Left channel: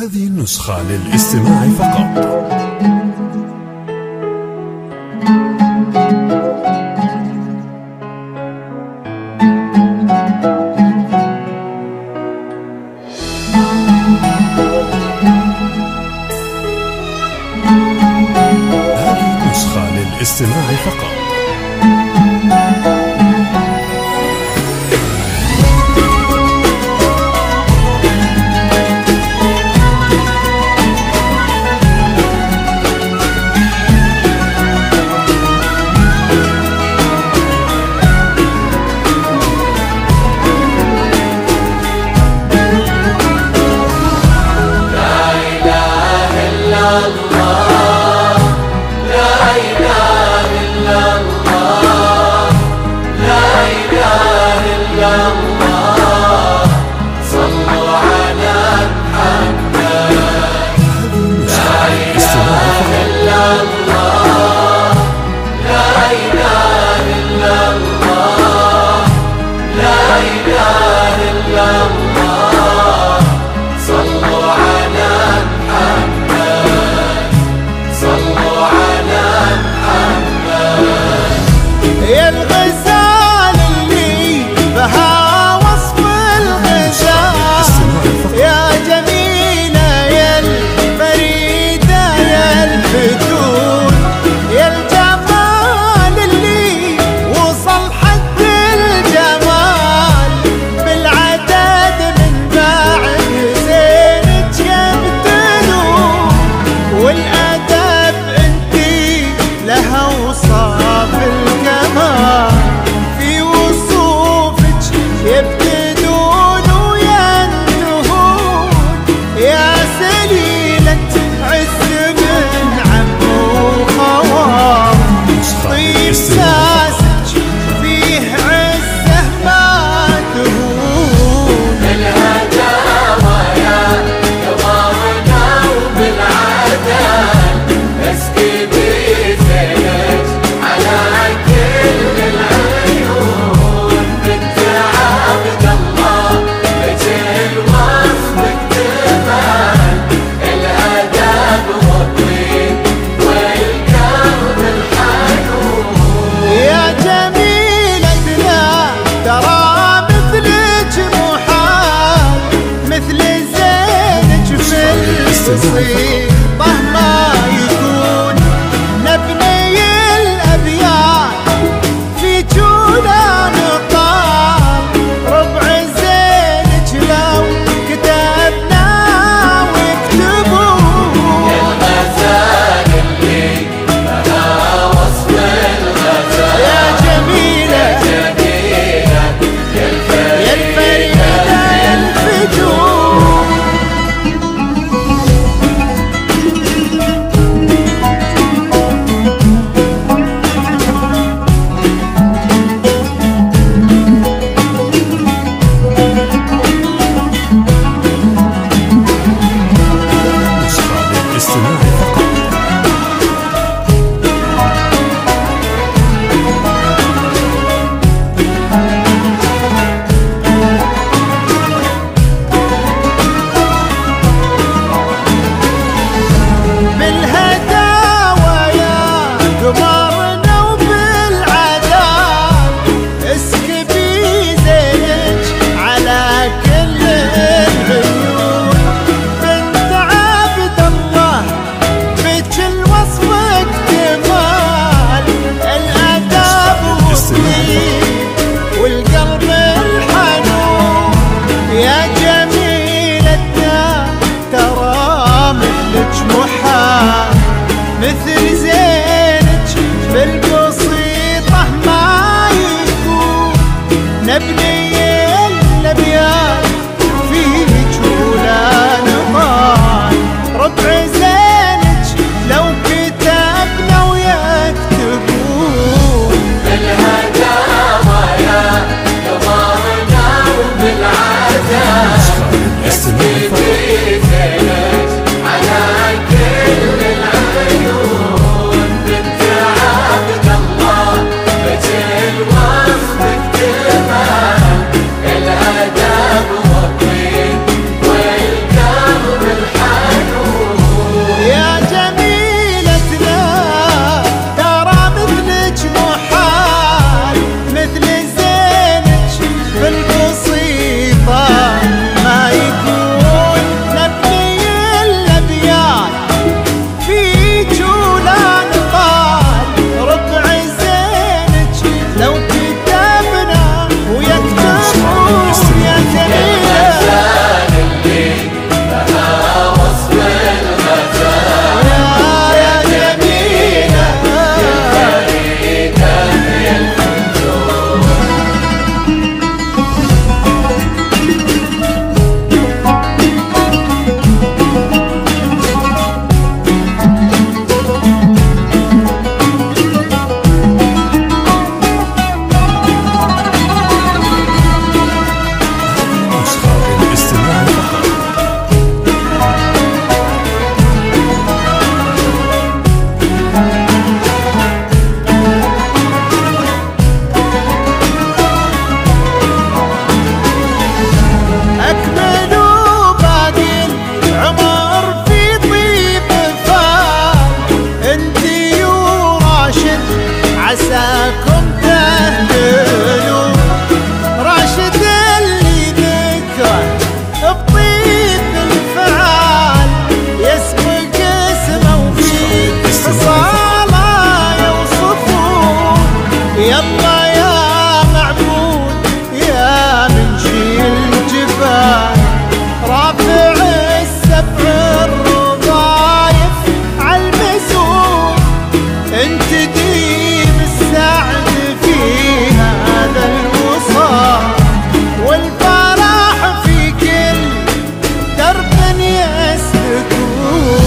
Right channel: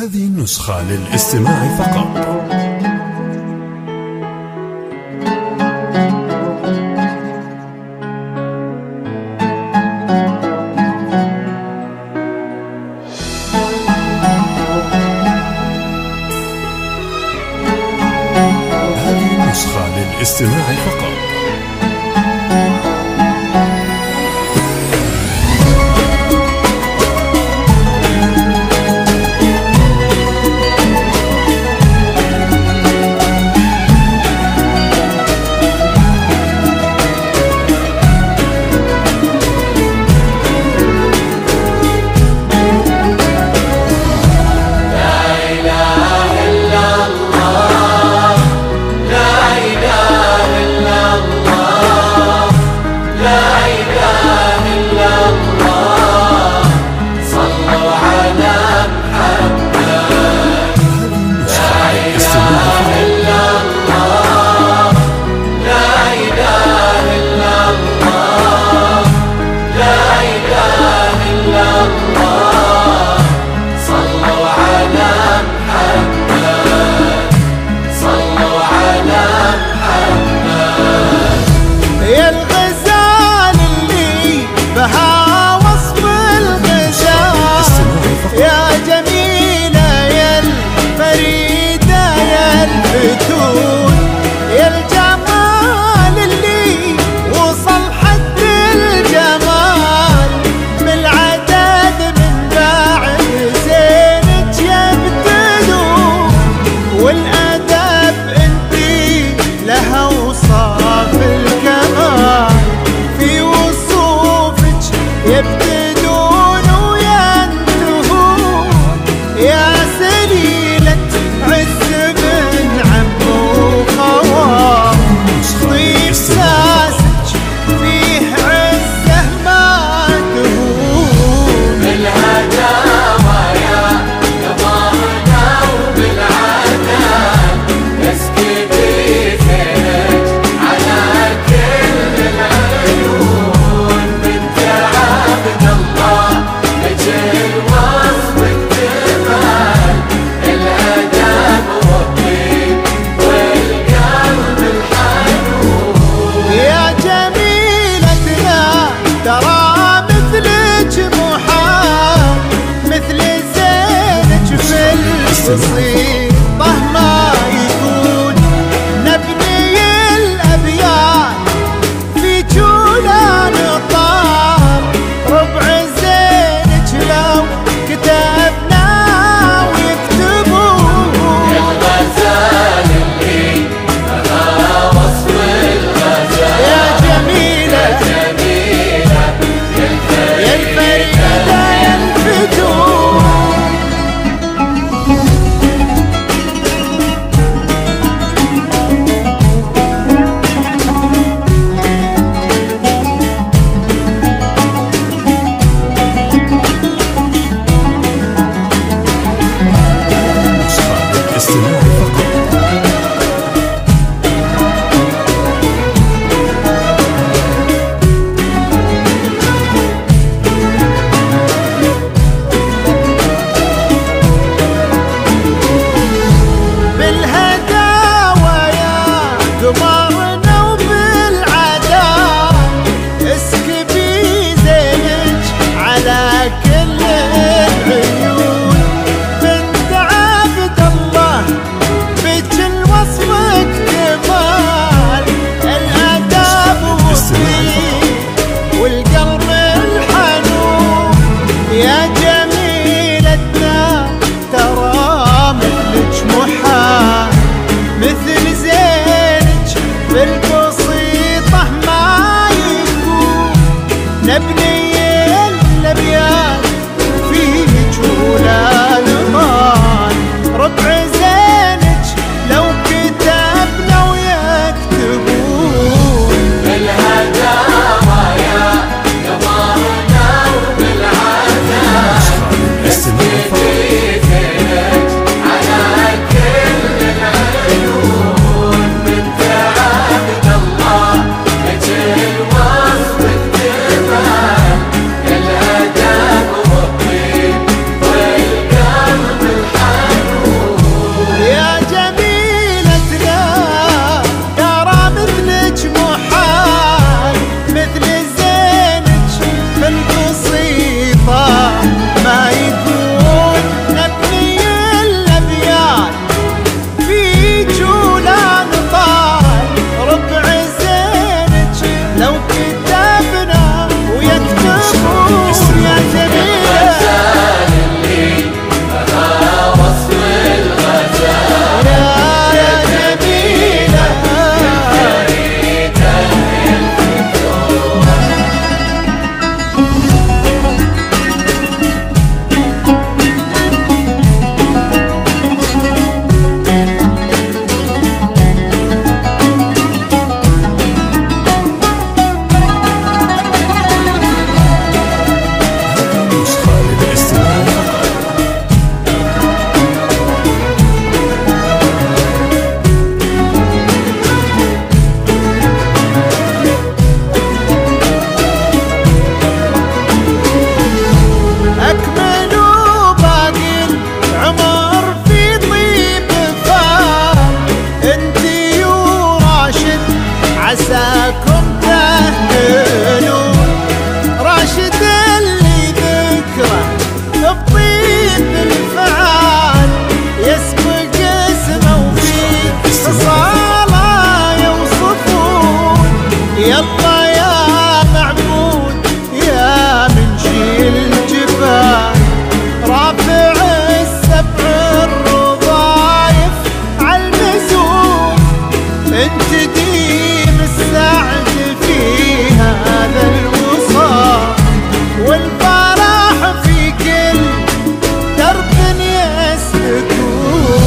هذه النسخة للاستماع فقط. هذه النسخة للاستماع فقط. يا الغزال اللي بها وصف الغزال، يا جميلة يا الفريدة يا الفتون، يا الجمال اللي وصل حد الجمال، بالعدد من بعد زينك يبتدون، والأدب انتي لها وصاف الكمال، في وصوفك يبتدون وينتهون، يا سليلة عز من عم وخوار، طيب ساسك فيه عزه ما تهون، الهداوى يا قمرنا وبالعدل اسكبي فيك على كل العيون، بنت عبد الله لك الوصف اكتمال، الادب والطيب والقلب الحنون، يا جميلتنا ترى مثلك محال، مثل زينك في البسيطة ما يكون، نبني الأبيات في جولان طال، ربع زينك لو كتبنا ويكتبون، الغزال اللي بها وصف الغزال، يا جميلة يا الفريدة يا الفتون. نسخة للاستماع فقط. بالهداوى يا قمرنا وبالعدال، اسكبي زينك على كل العيون، بنت عبد الله بك الوصف اكتمال، الاداب والطيب والقلب الحنون، يا جميلتنا ترى مثلك محال، مثل زينك بالبسيطة ما يكون، نبني الأبيات في جولان طال، ربع زينك لو كتبنا ويكتبون، الهداوى يا قمرنا وبالعدل نسخة للاستماع فقط. على كل العيون، بنت عبد الله لك الوصف اكتمال، الادب والطيب والقلب الحنون. عساكم تهدنون. راشد اللي ذكره بطيب الفعال يسبق اسمه وفي خصاله يوصفون. يلا يا معبود يا منشي الجبال رافع السبع الرضايف عالمزون. انت ديم السعد في هذا الوصال والفرح في كل درب يسلكون.